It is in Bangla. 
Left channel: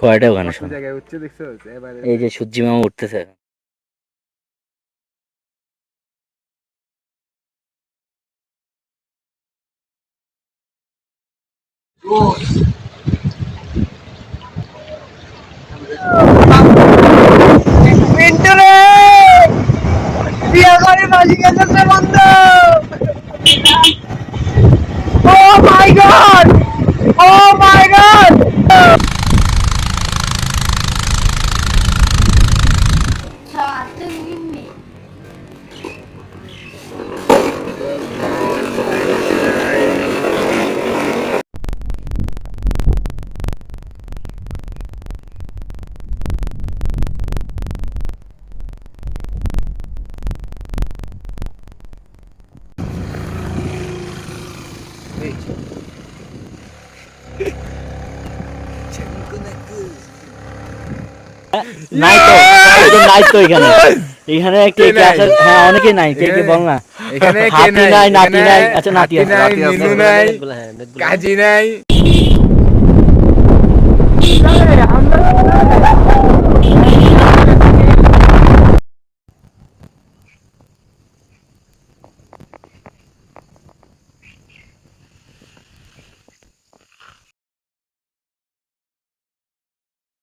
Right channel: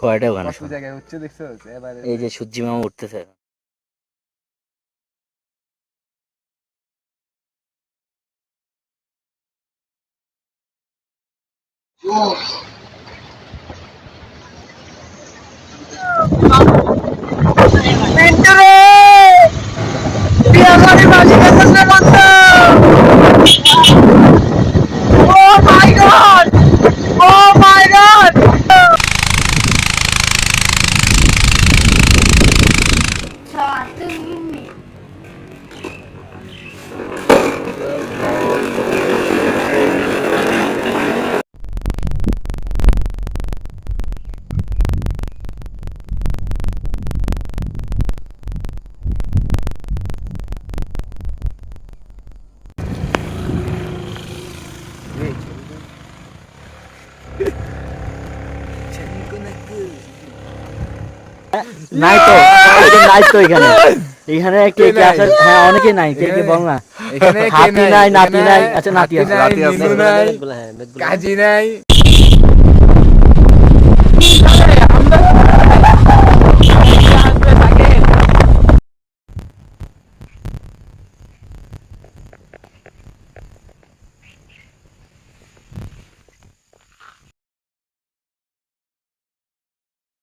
কয়টা ওখানে এই যে সূর্যি মামা উঠতেছে। Oh my god! Oh my god! নাই তো নাই তো এখানে এখানে কে কে আছে? হ্যাঁ অনেকে নাই, কে কে বল না। হাতি নাই, নাতি নাই। আচ্ছা নাতি আছে, কাজী নাই।